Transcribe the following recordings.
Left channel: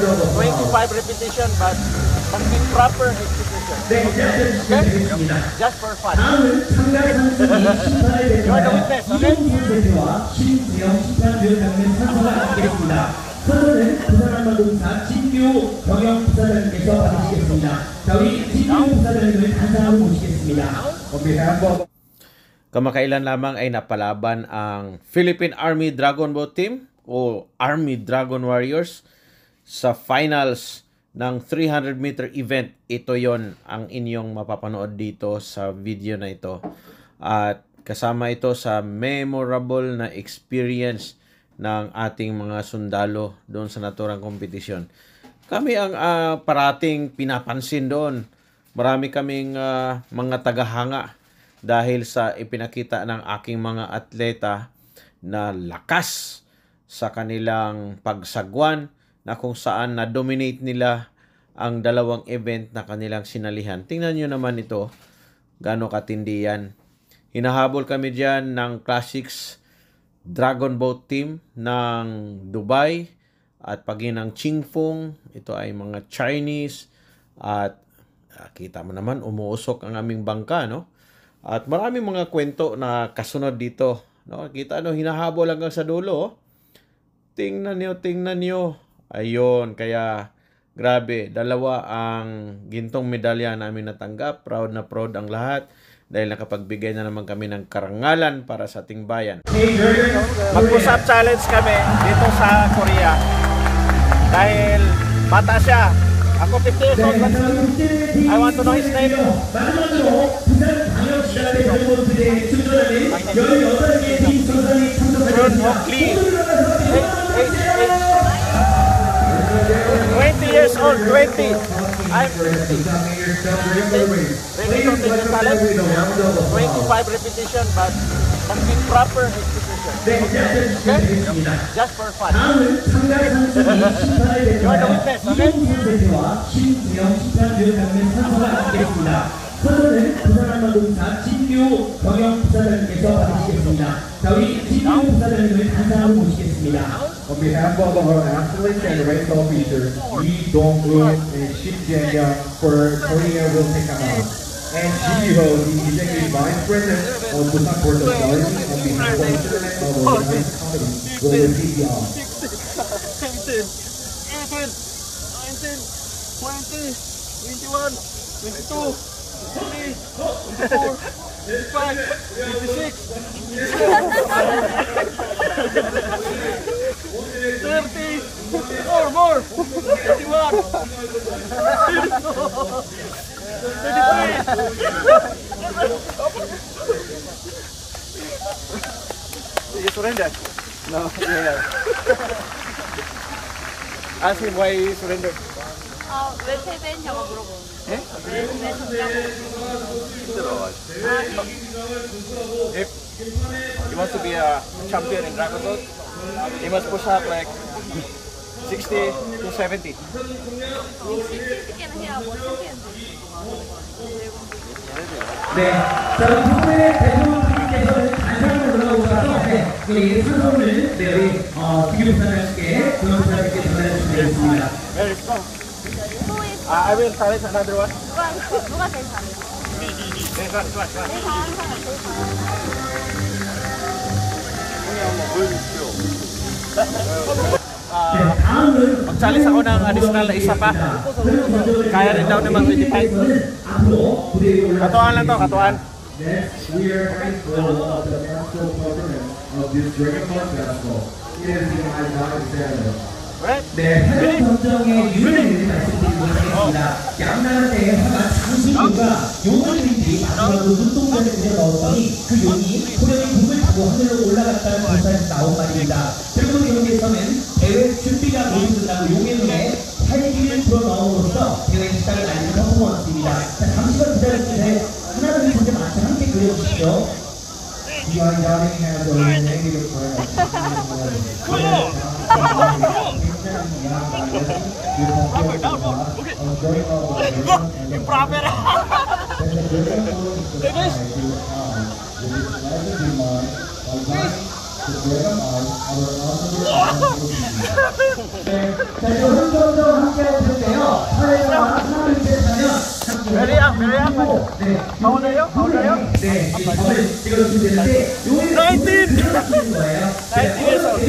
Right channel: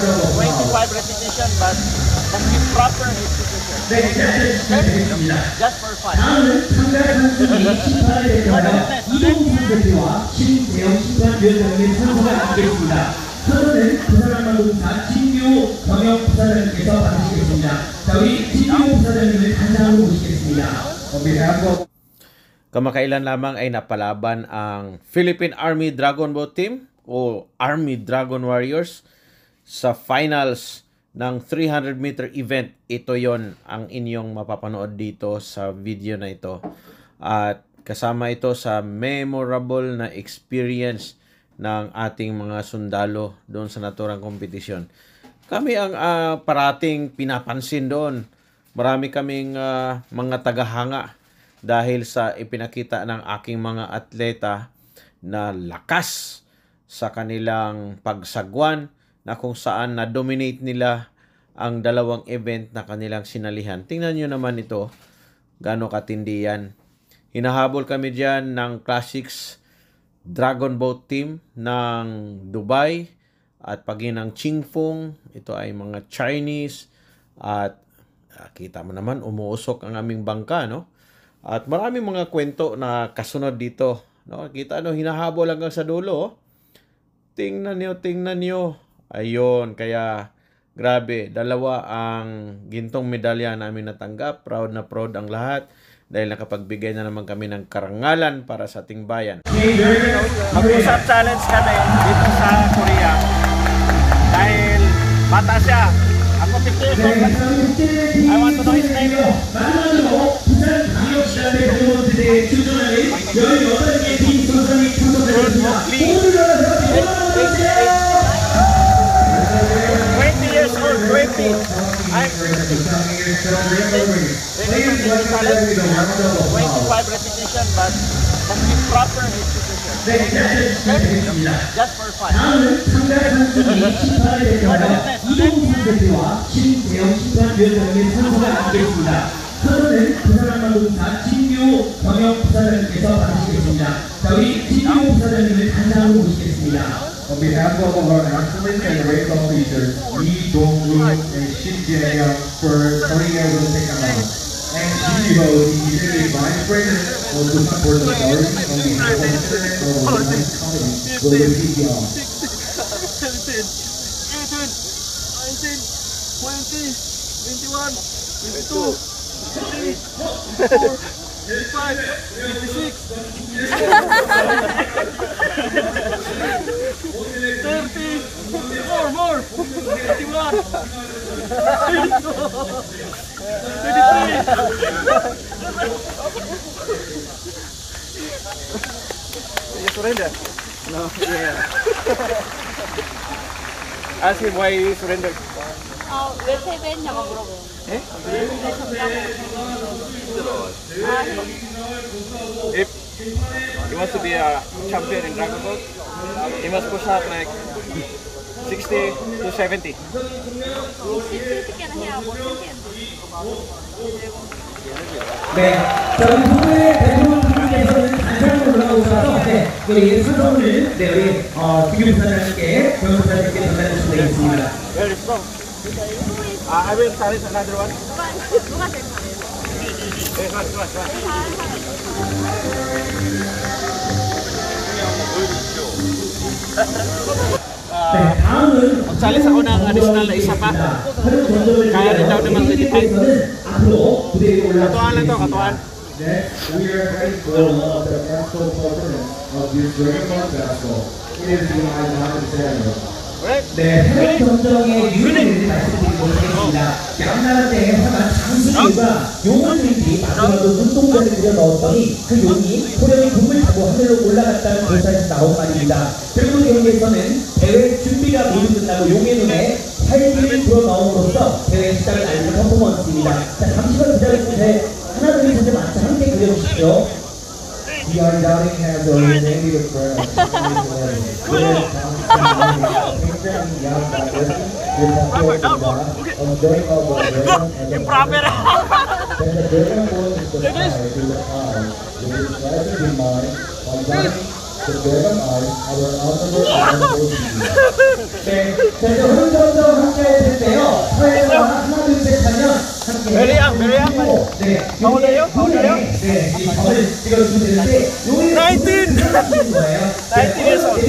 25 repetition, but proper execution. Okay? Just for fun. You are the witness, okay? 선언은 부산항만동사 진규 경영 부사장님께서 받으시겠습니다. 자, 우리 진규 부사장님을 단상으로 모시겠습니다. Kamakailan lamang ay napalaban ang Philippine Army Dragon Boat Team o Army Dragon Warriors sa finals ng 300-meter event. Ito yon ang inyong mapapanood dito sa video na ito. At kasama ito sa memorable na experience ng ating mga sundalo doon sa naturang kompetisyon. Kami ang parating pinapansin doon. Marami kaming mga tagahanga dahil sa ipinakita ng aking mga atleta na lakas sa kanilang pagsagwan na kung saan na-dominate nila ang dalawang event na kanilang sinalihan. Tingnan nyo naman ito, gaano katindi yan. Hinahabol kami dyan ng Classics Dragon Boat Team ng Dubai at pagi ng Qingfeng. Ito ay mga Chinese at kita mo naman umuusok ang aming bangka, no? At maraming mga kwento na kasunod dito, no? Kita hinahabol hanggang sa dulo, oh. Tingnan nyo. Ayun, kaya grabe, dalawa ang gintong medalya namin natanggap. Proud na proud ang lahat dahil nakapagbigay na naman kami ng karangalan para sa ating bayan. Mag-push-up challenge kami dito sa Korea. Dahil bata siya. Ako 50 years old, but I want to know his name. Years old, 20. I'm 50. 25 repetition, but proper execution. Okay? Just for fun. You are the witness, okay? 선언은 부산항만동사 진규 경영 부사장님께서 받으시겠습니다. 자, 우리 진규 부사장님을 단상으로 모시겠습니다. On behalf of our athletes and race officers, Lee Dong-woon and Shin Jae-young for Korea will take them out. And Ji Ho, the Executive Vice President of Busan Port Authority, on behalf of our women's colleagues, will receive the honor. 17, 18, 19, 20, 21, 22, 23, 24, 25, 56, 30, 54, more, 31, 33. You surrender? No, no. Ask him why he surrendered. 왜 패배했냐고 물어보는. If he wants to be a champion in Dragon Boat, he must push up like 60 to 70. 60개는 해야 뭐 챔피언 되는 거. 네, 저희 후배 대부분께서는 단상으로 돌아오셔서 우리 선언을 우리 김규 부사장님께 경영 부사장님께 전달해 주시면 되겠습니다. Very strong. I will challenge another one. 누가 제일 잘해? This one. Mag-challenge ako ng additional na isa pa. Kaya rin daw na mag-25. Katuan lang to, katuan. Next, we are ready for the national performance of this Dragon Boat basketball. It is the Isaiah Samuel. 네, 해변 경정의 유의를 말씀드리도록 하겠습니다. 양날한테 해변 장수류가 용어들이 마지막으로 눈동자를 들여 넣었더니 그 용이 소련이 북을 타고 하늘로 올라갔다는 교사에서 나온 말입니다. 결국 경기에서는 대회 준비가 모두 끝나고 용의 눈에 활기를 불어넣음으로써 대회 시작을 알리는 퍼포먼스입니다. 자, 잠시만 기다려주세요. 하나 둘 셋 맞춰 함께 그려주시죠. Beyond Doubting has a negative friend. Proper, down, more. Okay. Improper. Then the Dragon Boat is the fire to the cloud, with its presence in mind, while guarding the Dragon Arms, our honorable and holy. 네, 자, 이제 흐름정정 How old are you? How old are you? 네, 이 점을 찍어주면 되는데, 요게 19! 거예요. 19 years old.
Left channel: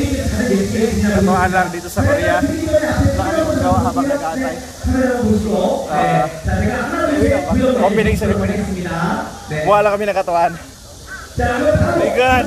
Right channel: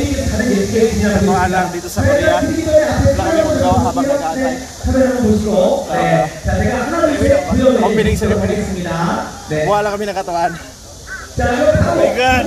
Katuwaan lang dito sa Korea. Wala kami magagawa habang nag-aantay. 카메라 한번 보시고, 네. 자, 제가 하나 둘 셋 불러드리겠습니다. Opening ceremony. 네. Buha lang kami ng katuwaan. 자, 그럼 바로 My God!